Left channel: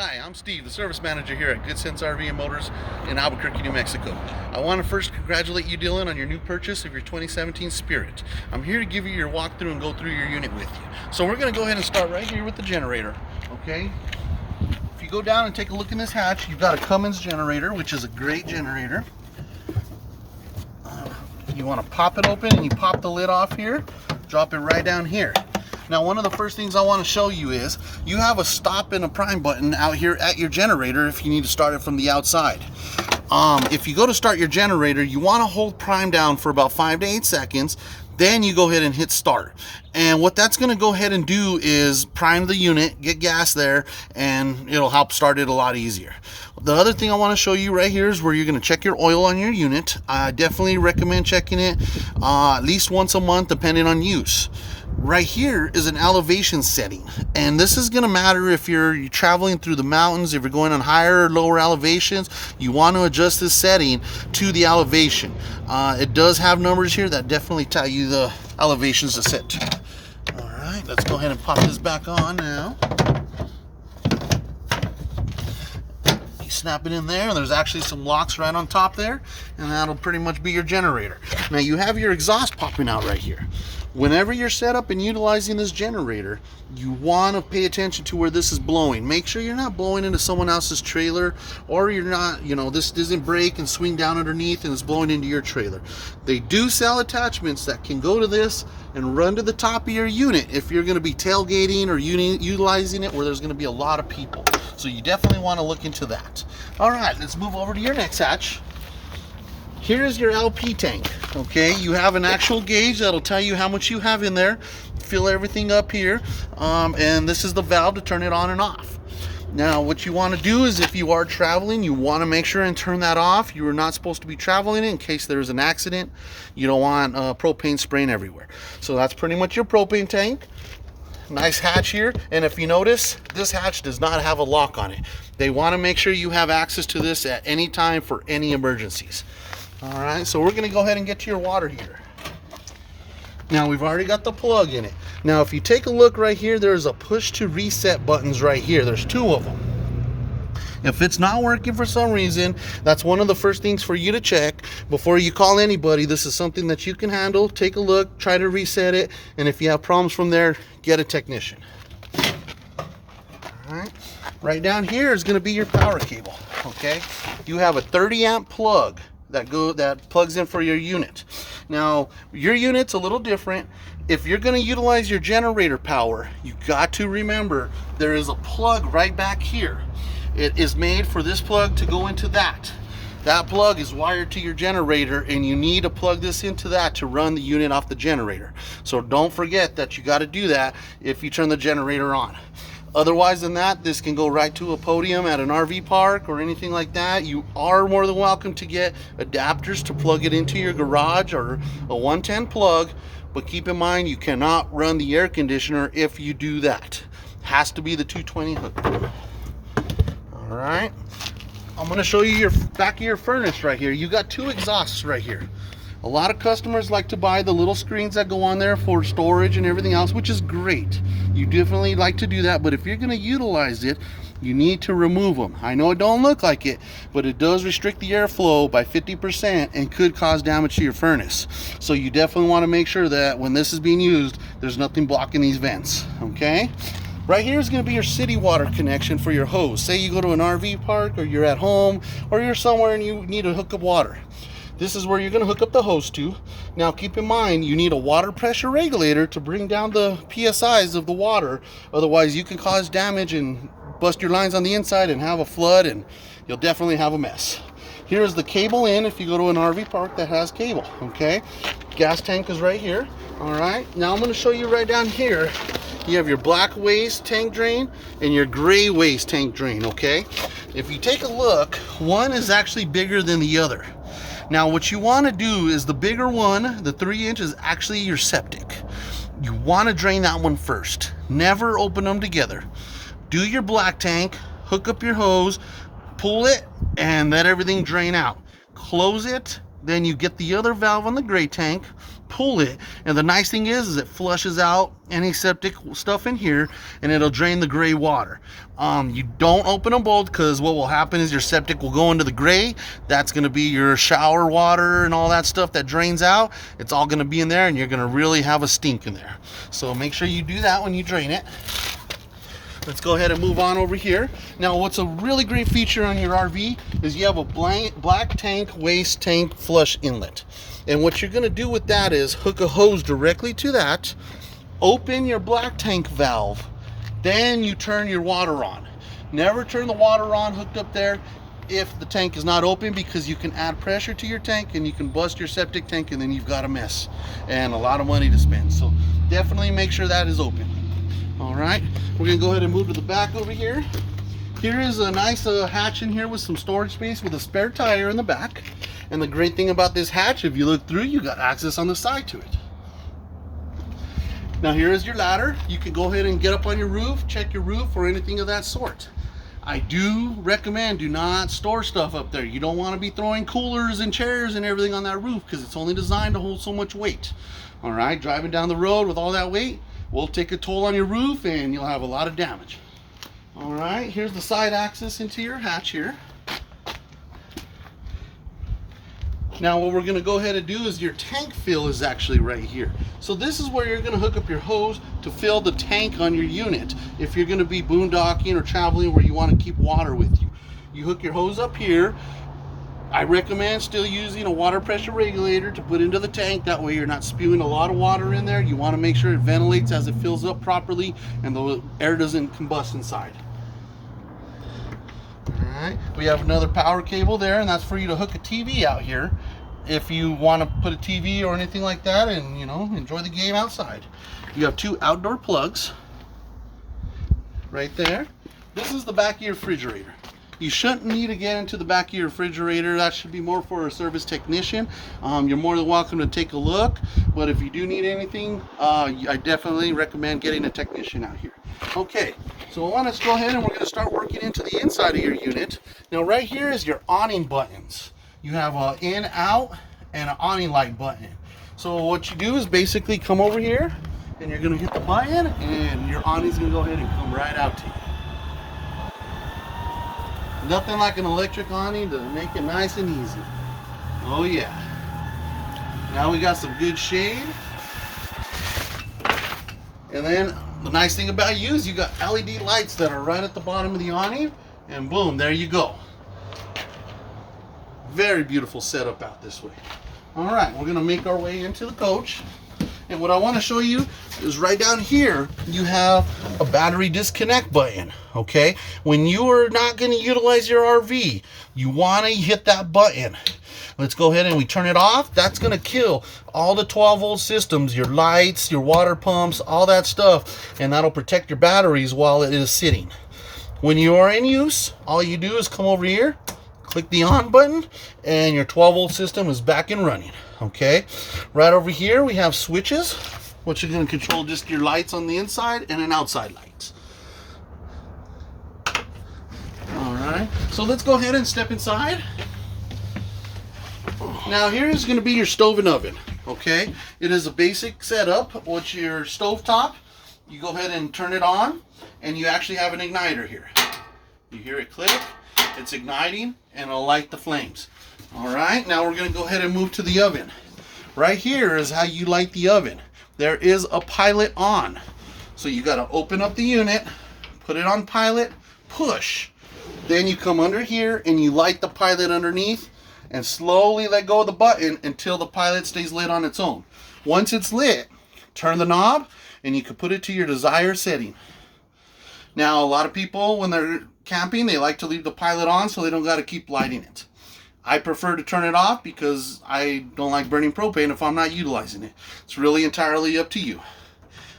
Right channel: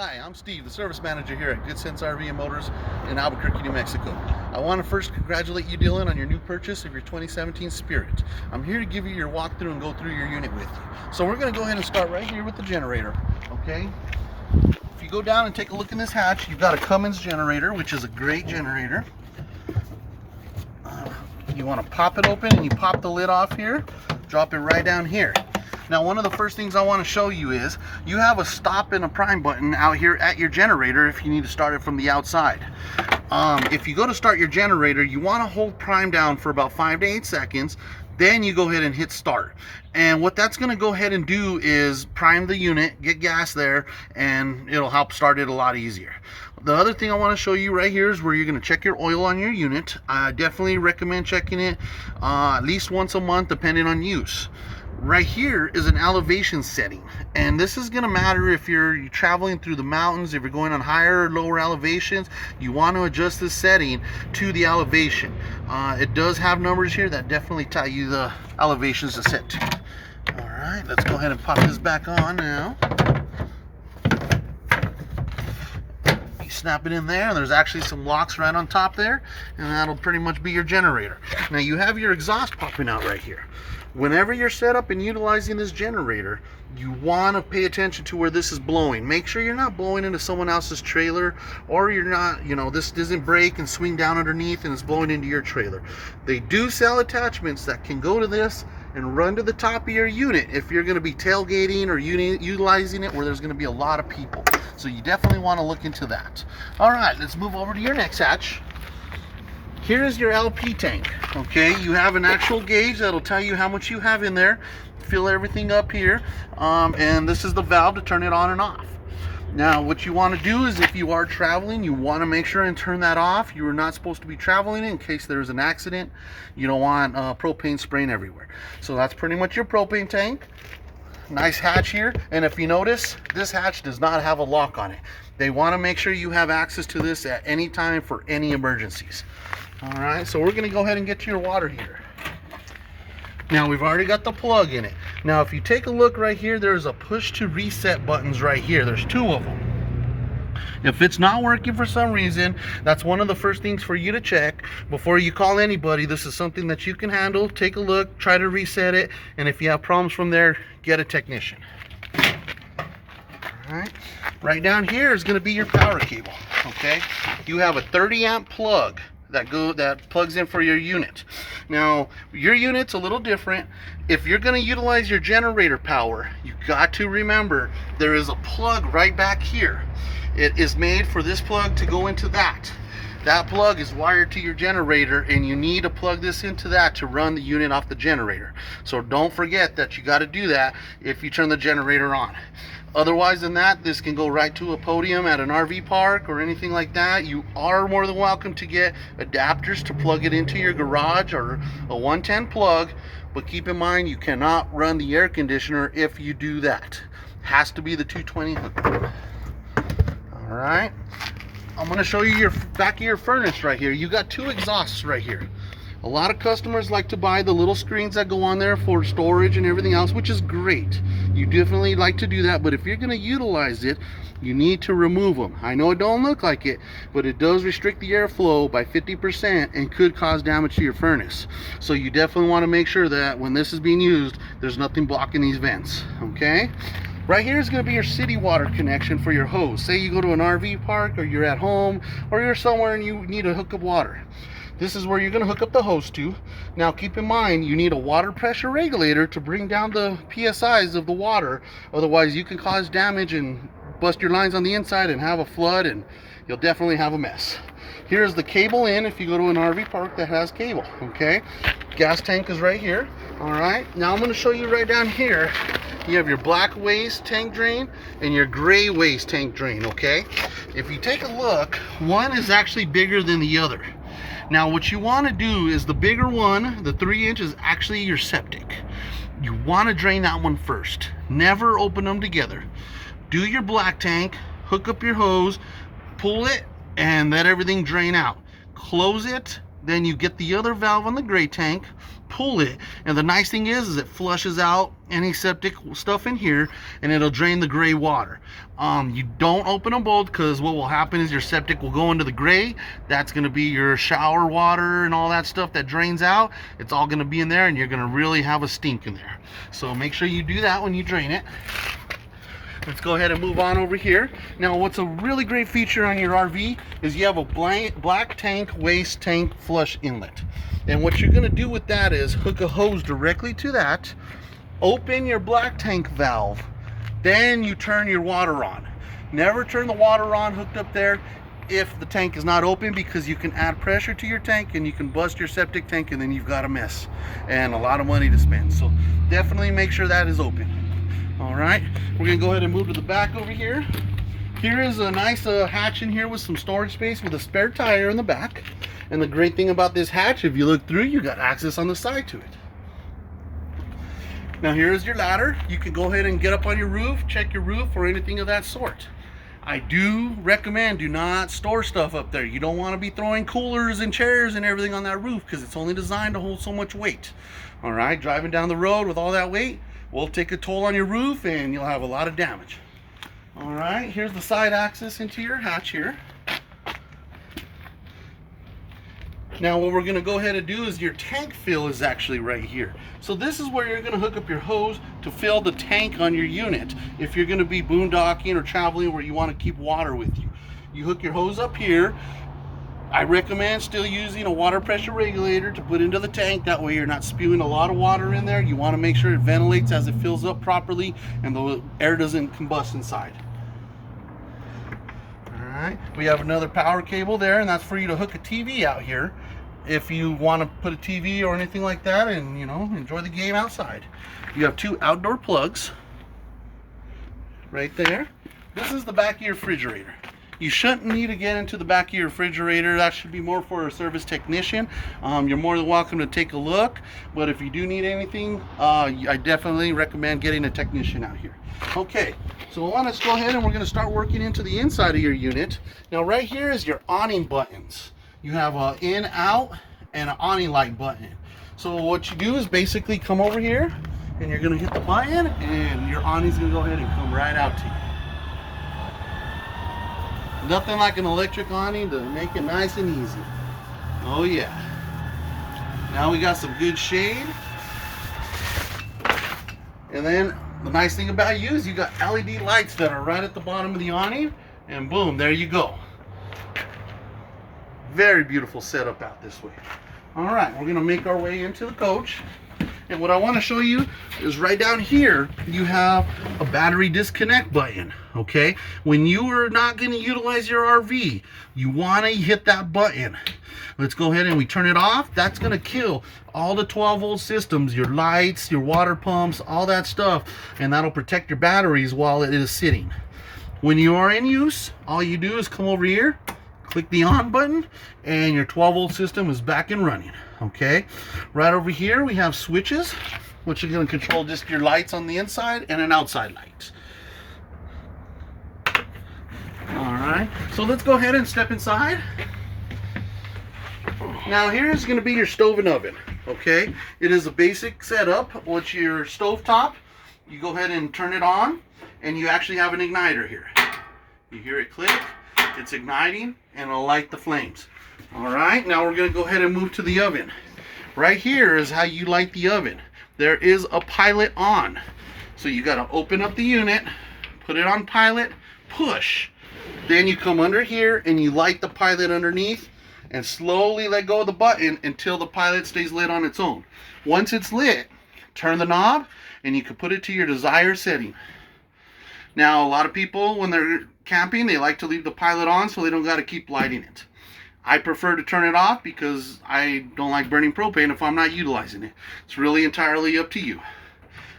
Hi, I'm Steve, the service manager here at Good Sense RV and Motors in Albuquerque, New Mexico. I want to first congratulate you, Dylan, on your new purchase of your 2017 Spirit. I'm here to give you your walkthrough and go through your unit with you. So we're going to go ahead and start right here with the generator, okay? If you go down and take a look in this hatch, you've got a Cummins generator, which is a great generator. You want to pop it open and you pop the lid off here, drop it right down here. Now, one of the first things I want to show you is you have a stop and a prime button out here at your generator if you need to start it from the outside. If you go to start your generator, you want to hold prime down for about 5 to 8 seconds. Then you go ahead and hit start. And what that's going to go ahead and do is prime the unit, get gas there, and it'll help start it a lot easier. The other thing I want to show you right here is where you're going to check your oil on your unit. I definitely recommend checking it at least once a month, depending on use. Right here is an elevation setting, and this is going to matter if you're traveling through the mountains, if you're going on higher or lower elevations. You want to adjust this setting to the elevation. It does have numbers here that definitely tell you the elevations to set to. All right, let's go ahead and pop this back on now. You snap it in there, and there's actually some locks right on top there, and that'll pretty much be your generator. Now you have your exhaust popping out right here. Whenever you're set up and utilizing this generator, you want to pay attention to where this is blowing. Make sure you're not blowing into someone else's trailer, or you're not, this doesn't break and swing down underneath and it's blowing into your trailer. They do sell attachments that can go to this and run to the top of your unit if you're going to be tailgating or utilizing it where there's going to be a lot of people. So you definitely want to look into that. All right, let's move over to your next hatch. Here is your LP tank, okay? You have an actual gauge that'll tell you how much you have in there. Fill everything up here, and this is the valve to turn it on and off. Now, what you want to do is if you are traveling, you want to make sure and turn that off. You are not supposed to be traveling in case there's an accident. You don't want propane spraying everywhere. So that's pretty much your propane tank. Nice hatch here, and if you notice, this hatch does not have a lock on it. They want to make sure you have access to this at any time for any emergencies. All right, so we're going to go ahead and get to your water heater. Now, we've already got the plug in it. Now, if you take a look right here, there's a push to reset buttons right here. There's 2 of them. If it's not working for some reason, that's one of the first things for you to check before you call anybody. This is something that you can handle. Take a look, try to reset it, and if you have problems from there, get a technician. All right, right down here is going to be your power cable. Okay, you have a 30 amp plug that plugs in for your unit. Now, your unit's a little different. If you're going to utilize your generator power, you got to remember there is a plug right back here. It is made for this plug to go into that. That plug is wired to your generator, and you need to plug this into that to run the unit off the generator. So don't forget that you got to do that if you turn the generator on. Otherwise than that, this can go right to a podium at an RV park or anything like that. You are more than welcome to get adapters to plug it into your garage or a 110 plug, but keep in mind you cannot run the air conditioner if you do that. Has to be the 220 hook. All right, I'm going to show you your back of your furnace right here. You got 2 exhausts right here. A lot of customers like to buy the little screens that go on there for storage and everything else, which is great. You definitely like to do that, but if you're going to utilize it, you need to remove them. I know it don't look like it, but it does restrict the airflow by 50% and could cause damage to your furnace. So you definitely want to make sure that when this is being used, there's nothing blocking these vents, okay? Right here is going to be your city water connection for your hose. Say you go to an RV park, or you're at home, or you're somewhere and you need to hook up water. This is where you're going to hook up the hose to. Now keep in mind, you need a water pressure regulator to bring down the PSIs of the water. Otherwise you can cause damage and bust your lines on the inside and have a flood, and you'll definitely have a mess. Here's the cable in if you go to an RV park that has cable, okay? Gas tank is right here. All right, now I'm going to show you right down here. You have your black waste tank drain and your gray waste tank drain, okay? If you take a look, one is actually bigger than the other. Now what you want to do is the bigger one, the 3-inch, is actually your septic. You want to drain that one first. Never open them together. Do your black tank, hook up your hose, pull it, and let everything drain out. Close it, Then you get the other valve on the gray tank, pull it, and the nice thing is it flushes out any septic stuff in here, and it'll drain the gray water. You don't open them both, because what will happen is your septic will go into the gray. That's going to be your shower water and all that stuff that drains out. It's all going to be in there, and you're going to really have a stink in there. So make sure you do that when you drain it. Let's go ahead and move on over here. Now, what's a really great feature on your RV is you have a black tank waste tank flush inlet. And what you're going to do with that is hook a hose directly to that, open your black tank valve, then you turn your water on. Never turn the water on hooked up there if the tank is not open, because you can add pressure to your tank and you can bust your septic tank, and then you've got a mess and a lot of money to spend. So definitely make sure that is open. All right, we're gonna go ahead and move to the back over here. Here is a nice hatch in here with some storage space with a spare tire in the back. And the great thing about this hatch, if you look through, you got access on the side to it. Now here is your ladder. You can go ahead and get up on your roof, check your roof or anything of that sort. I do recommend do not store stuff up there. You don't want to be throwing coolers and chairs and everything on that roof, because it's only designed to hold so much weight. All right, driving down the road with all that weight will take a toll on your roof, and you'll have a lot of damage. All right, here's the side access into your hatch here. Now what we're going to go ahead and do is your tank fill is actually right here. So this is where you're going to hook up your hose to fill the tank on your unit. If you're going to be boondocking or traveling where you want to keep water with you, you hook your hose up here. I recommend still using a water pressure regulator to put into the tank. That way you're not spewing a lot of water in there. You want to make sure it ventilates as it fills up properly and the air doesn't combust inside. Alright, we have another power cable there, and that's for you to hook a TV out here if you want to put a TV or anything like that and, you know, enjoy the game outside. You have two outdoor plugs right there. This is the back of your refrigerator. You shouldn't need to get into the back of your refrigerator. That should be more for a service technician. You're more than welcome to take a look, but if you do need anything, I definitely recommend getting a technician out here. Okay, so I want to go ahead and we're going to start working into the inside of your unit. Now right here is your awning buttons. You have an in, out, and an awning light button. So what you do is basically come over here and you're going to hit the button, and your awning's going to go ahead and come right out to you. Nothing like an electric awning to make it nice and easy. Oh yeah. Now we got some good shade. And then the nice thing about you is you got LED lights that are right at the bottom of the awning, and boom, there you go. Very beautiful setup out this way. All right, we're gonna make our way into the coach. And what I want to show you is right down here, you have a battery disconnect button, okay? When you are not going to utilize your RV, you want to hit that button. Let's go ahead and we turn it off. That's going to kill all the 12-volt systems, your lights, your water pumps, all that stuff, and that'll protect your batteries while it is sitting. When you are in use, all you do is come over here, click the on button, and your 12-volt system is back and running. Okay, right over here we have switches, which are going to control just your lights on the inside and an outside light. All right, so let's go ahead and step inside. Now here's going to be your stove and oven. Okay, it is a basic setup. What's your stove top? You go ahead and turn it on, and you actually have an igniter here. You hear it click, it's igniting, and it'll light the flames. All right, now we're going to go ahead and move to the oven. Right here is how you light the oven. There is a pilot on. So you got to open up the unit, put it on pilot, push. Then you come under here and you light the pilot underneath and slowly let go of the button until the pilot stays lit on its own. Once it's lit, turn the knob and you can put it to your desired setting. Now, a lot of people, when they're camping, they like to leave the pilot on so they don't got to keep lighting it. I prefer to turn it off because I don't like burning propane if I'm not utilizing it. It's really entirely up to you.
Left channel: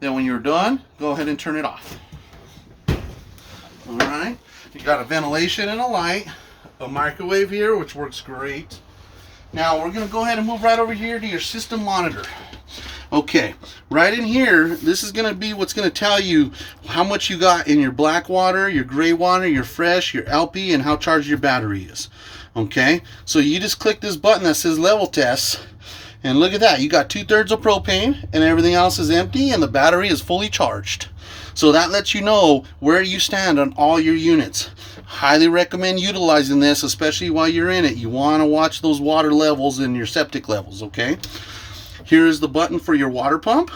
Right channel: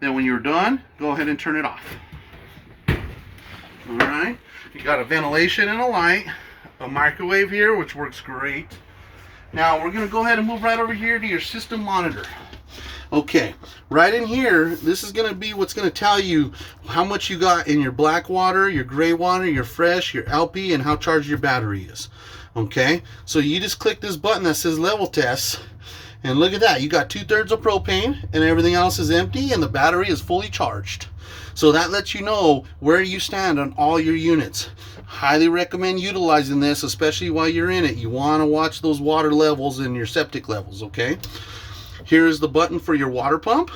Then when you're done, go ahead and turn it off. All right, you got a ventilation and a light, a microwave here, which works great. Now we're going to go ahead and move right over here to your system monitor. Okay, right in here, this is going to be what's going to tell you how much you got in your black water, your gray water, your fresh, your LP, and how charged your battery is. Okay, so you just click this button that says level test, and look at that. You got 2/3 of propane, and everything else is empty, and the battery is fully charged. So that lets you know where you stand on all your units. Highly recommend utilizing this, especially while you're in it. You want to watch those water levels and your septic levels, okay? Here is the button for your water pump.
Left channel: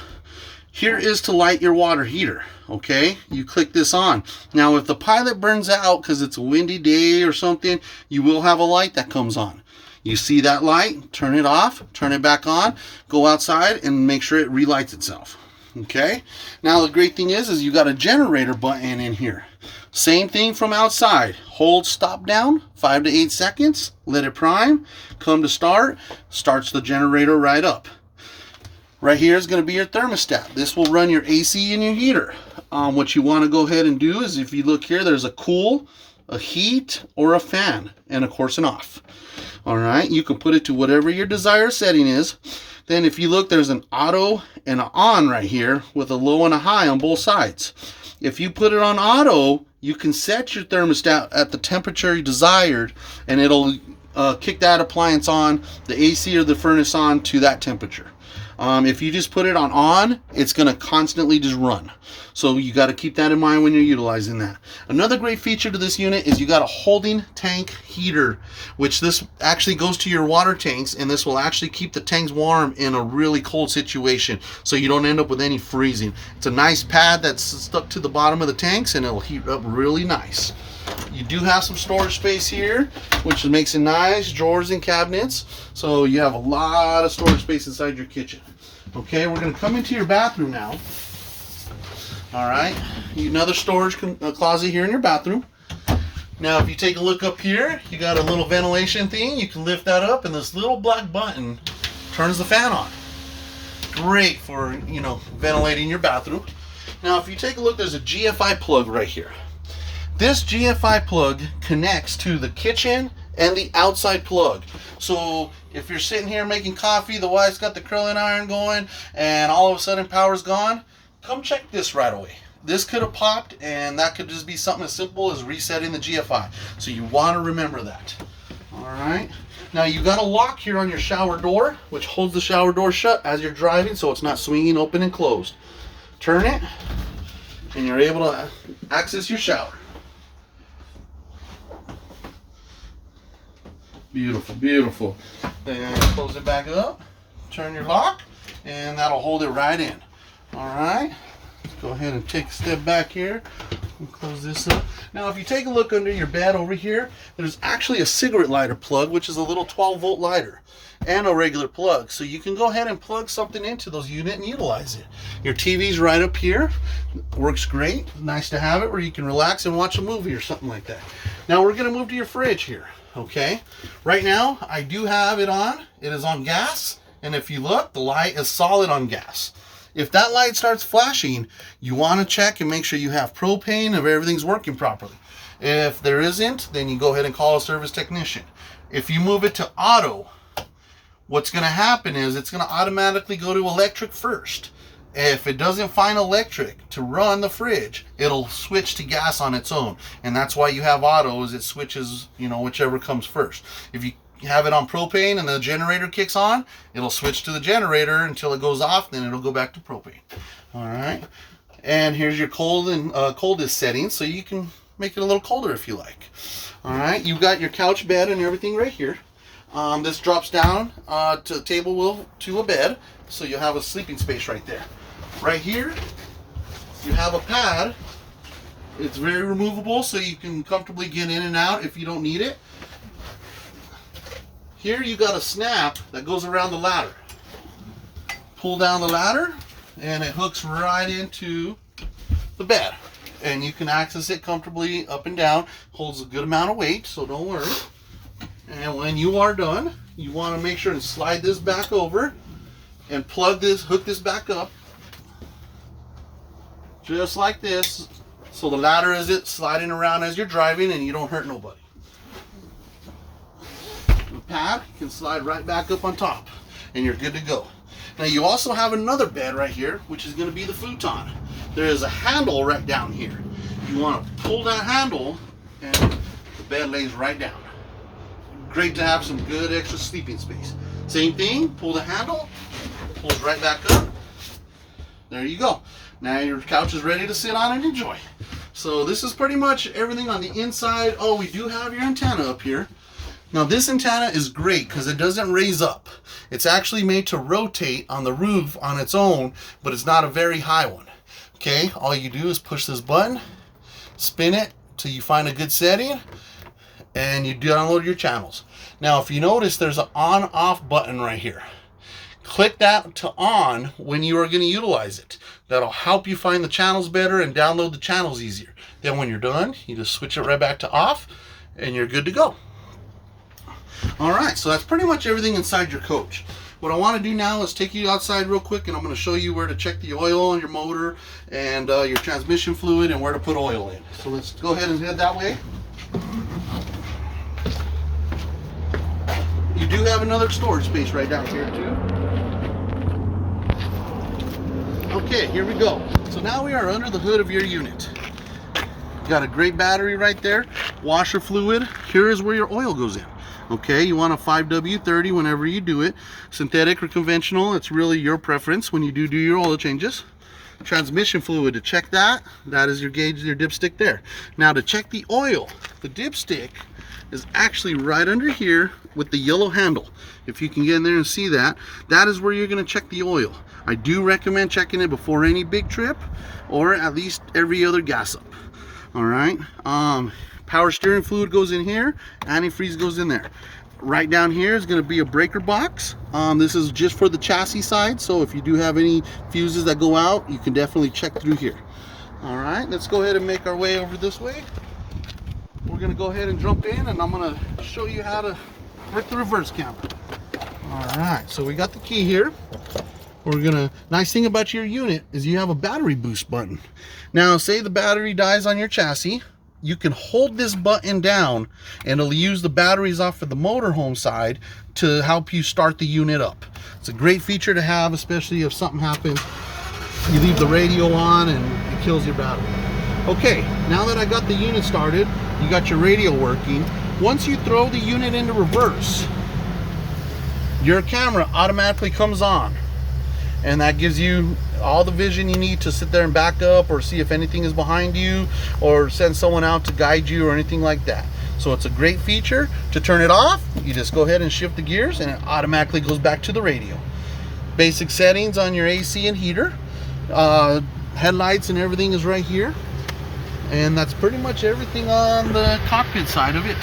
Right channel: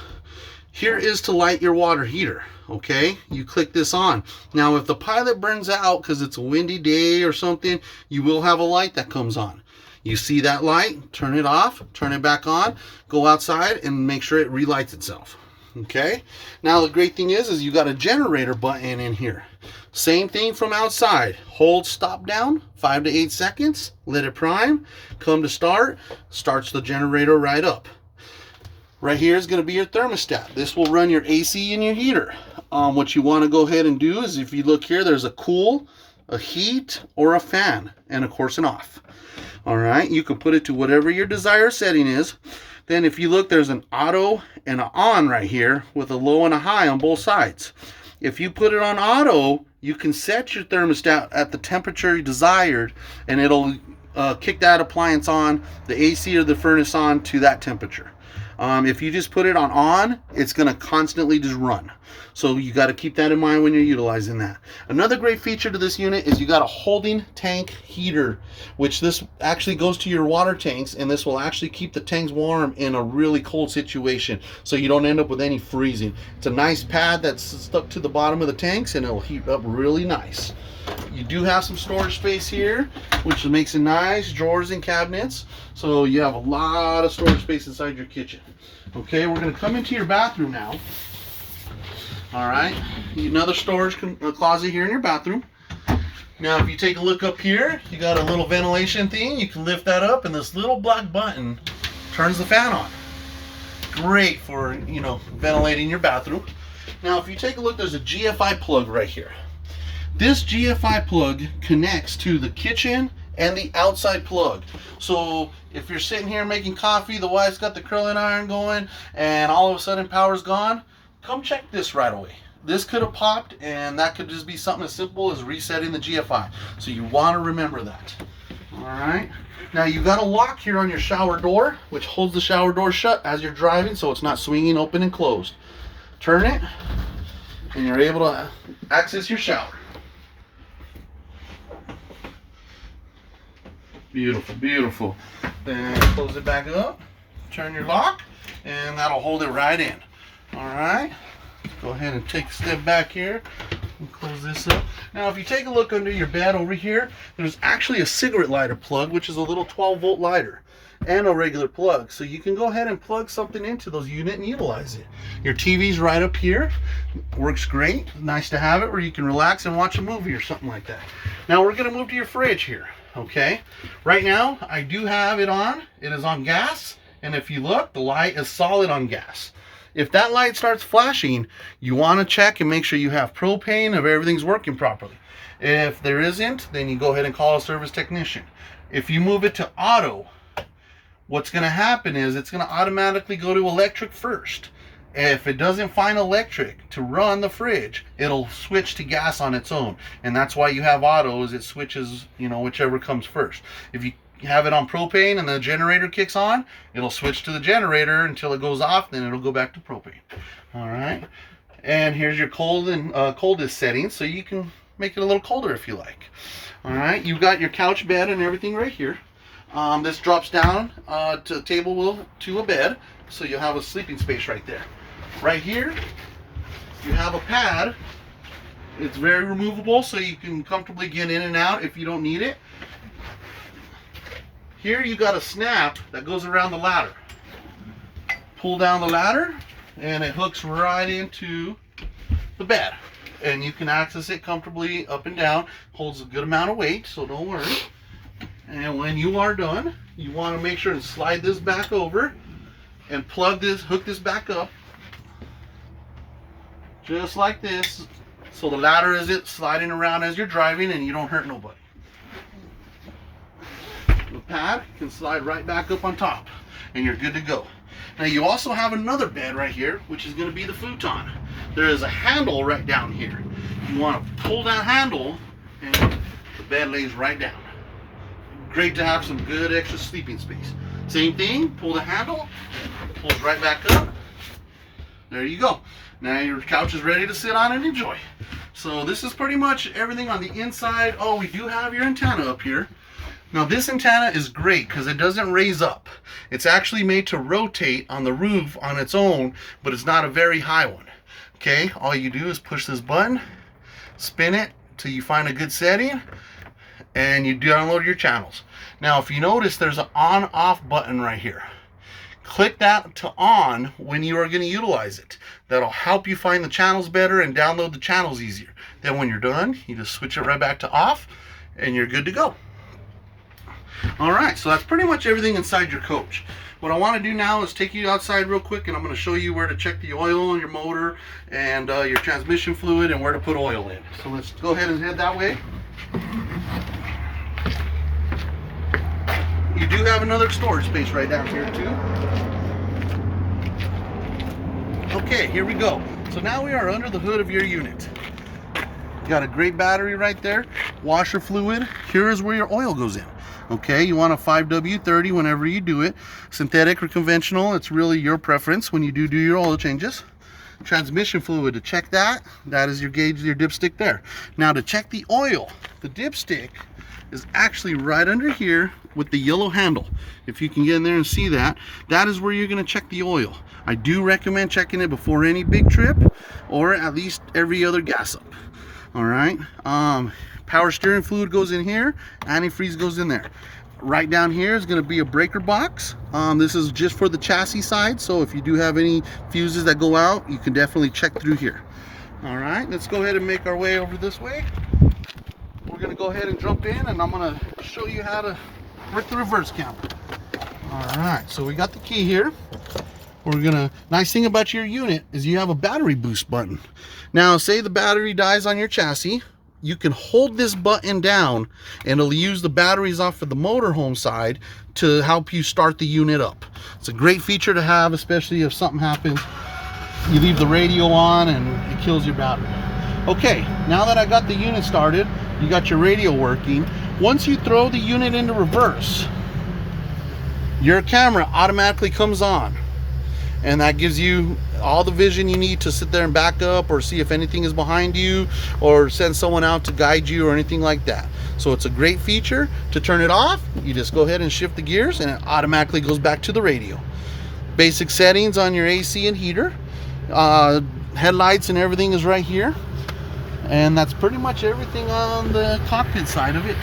Here is to light your water heater, okay? You click this on. Now, if the pilot burns out because it's a windy day or something, you will have a light that comes on. You see that light, turn it off, turn it back on, go outside and make sure it relights itself. Okay, now the great thing is you got a generator button in here. Same thing from outside. Hold stop down 5 to 8 seconds, let it prime, come to start, starts the generator right up. Right here is going to be your thermostat. This will run your AC and your heater. What you want to go ahead and do is, if you look here, there's a cool, a heat, or a fan, and of course an off. All right, you can put it to whatever your desired setting is. Then if you look, there's an auto and an on right here with a low and a high on both sides. If you put it on auto, you can set your thermostat at the temperature you desired, and it'll kick that appliance on, the AC or the furnace on, to that temperature. If you just put it on, it's going to constantly just run. So you got to keep that in mind when you're utilizing that. Another great feature to this unit is you got a holding tank heater, which this actually goes to your water tanks, and this will actually keep the tanks warm in a really cold situation, so you don't end up with any freezing. It's a nice pad that's stuck to the bottom of the tanks, and it'll heat up really nice. You do have some storage space here, which makes it nice, drawers and cabinets. So you have a lot of storage space inside your kitchen. Okay, we're going to come into your bathroom now. All right, another storage closet here in your bathroom. Now, if you take a look up here, you got a little ventilation thing. You can lift that up, and this little black button turns the fan on. Great for, ventilating your bathroom. Now, if you take a look, there's a GFI plug right here. This GFI plug connects to the kitchen and the outside plug. So if you're sitting here making coffee, the wife's got the curling iron going, and all of a sudden power's gone, come check this right away. This could have popped, and that could just be something as simple as resetting the GFI. So you want to remember that. All right. Now you got a lock here on your shower door, which holds the shower door shut as you're driving, so it's not swinging open and closed. Turn it, and you're able to access your shower. Beautiful, beautiful. Then close it back up, turn your lock, and that'll hold it right in. All right, let's go ahead and take a step back here and close this up. Now, if you take a look under your bed over here, there's actually a cigarette lighter plug, which is a little 12-volt lighter, and a regular plug. So you can go ahead and plug something into those units and utilize it. Your TV's right up here. Works great. Nice to have it where you can relax and watch a movie or something like that. Now we're going to move to your fridge here. Okay, right now I do have it on. It is on gas, and if you look, the light is solid on gas. If that light starts flashing, you want to check and make sure you have propane, if everything's working properly. If there isn't, then you go ahead and call a service technician. If you move it to auto, what's going to happen is it's going to automatically go to electric first. If it doesn't find electric to run the fridge, it'll switch to gas on its own. And that's why you have auto, is it switches, whichever comes first. If you have it on propane and the generator kicks on, it'll switch to the generator until it goes off, then it'll go back to propane. All right. And here's your cold and coldest settings, so you can make it a little colder if you like. All right. You've got your couch bed and everything right here. This drops down to the table to a bed, so you'll have a sleeping space right there. Right here, you have a pad. It's very removable, so you can comfortably get in and out if you don't need it. Here you got a snap that goes around the ladder. Pull down the ladder, and it hooks right into the bed. And you can access it comfortably up and down. Holds a good amount of weight, so don't worry. And when you are done, you want to make sure and slide this back over and hook this back up. Just like this, so the ladder isn't sliding around as you're driving and you don't hurt nobody. The pad can slide right back up on top, and you're good to go. Now you also have another bed right here, which is going to be the futon. There is a handle right down here. You want to pull that handle and the bed lays right down. Great to have some good extra sleeping space. Same thing, pull the handle, pulls right back up. There you go. Now your couch is ready to sit on and enjoy. So this is pretty much everything on the inside. Oh, we do have your antenna up here. Now this antenna is great because it doesn't raise up. It's actually made to rotate on the roof on its own, but it's not a very high one. Okay, all you do is push this button, spin it till you find a good setting, and you download your channels. Now if you notice, there's an on-off button right here. Click that to on when you are going to utilize it. That'll help you find the channels better and download the channels easier. Then when you're done, you just switch it right back to off and you're good to go. All right, so that's pretty much everything inside your coach. What I want to do now is take you outside real quick, and I'm going to show you where to check the oil on your motor and your transmission fluid and where to put oil in. So let's go ahead and head that way. You do have another storage space right down here too. Okay, here we go. So now we are under the hood of your unit. You got a great battery right there, washer fluid. Here is where your oil goes in. Okay, you want a 5W30 whenever you do it. Synthetic or conventional, it's really your preference when you do your oil changes. Transmission fluid, to check that is your gauge, your dipstick there. Now to check the oil, the dipstick is actually right under here with the yellow handle. If you can get in there and see that, that is where you're going to check the oil. I do recommend checking it before any big trip, or at least every other gas up. All right, power steering fluid goes in here, antifreeze goes in there. Right down here is going to be a breaker box. This is just for the chassis side, so if you do have any fuses that go out, you can definitely check through here. All right, let's go ahead and make our way over this way. We're going to go ahead and jump in, and I'm going to show you how to work the reverse camera. All right, so we got the key here. Nice thing about your unit is you have a battery boost button. Now, say the battery dies on your chassis, you can hold this button down and it'll use the batteries off of the motorhome side to help you start the unit up. It's a great feature to have, especially if something happens. You leave the radio on and it kills your battery. Okay, now that I got the unit started, you got your radio working. Once you throw the unit into reverse, your camera automatically comes on. And that gives you all the vision you need to sit there and back up or see if anything is behind you or send someone out to guide you or anything like that. So it's a great feature. To turn it off, you just go ahead and shift the gears and it automatically goes back to the radio. Basic settings on your AC and heater. Headlights and everything is right here. And that's pretty much everything on the cockpit side of it.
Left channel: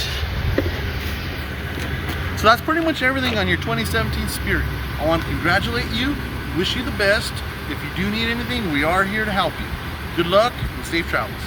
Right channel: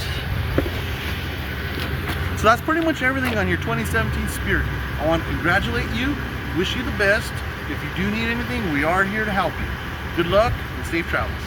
So that's pretty much everything on your 2017 Spirit. I want to congratulate you. Wish you the best. If you do need anything, we are here to help you. Good luck and safe travels.